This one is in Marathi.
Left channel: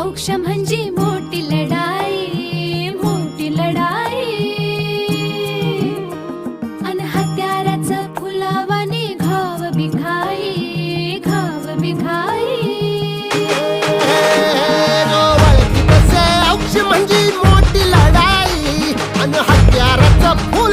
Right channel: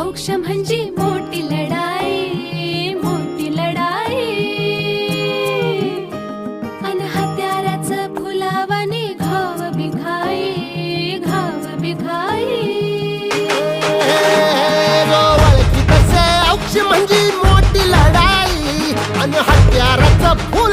औक्ष म्हणजे मोठी लढाई, मोठी लढाई. अन हत्याराचं फुलावाने घाव बिघाई, घाव बिघाई. जो ओळखी तसे औक्ष म्हणजे मोठी लढाई, अन हत्याराचं फुल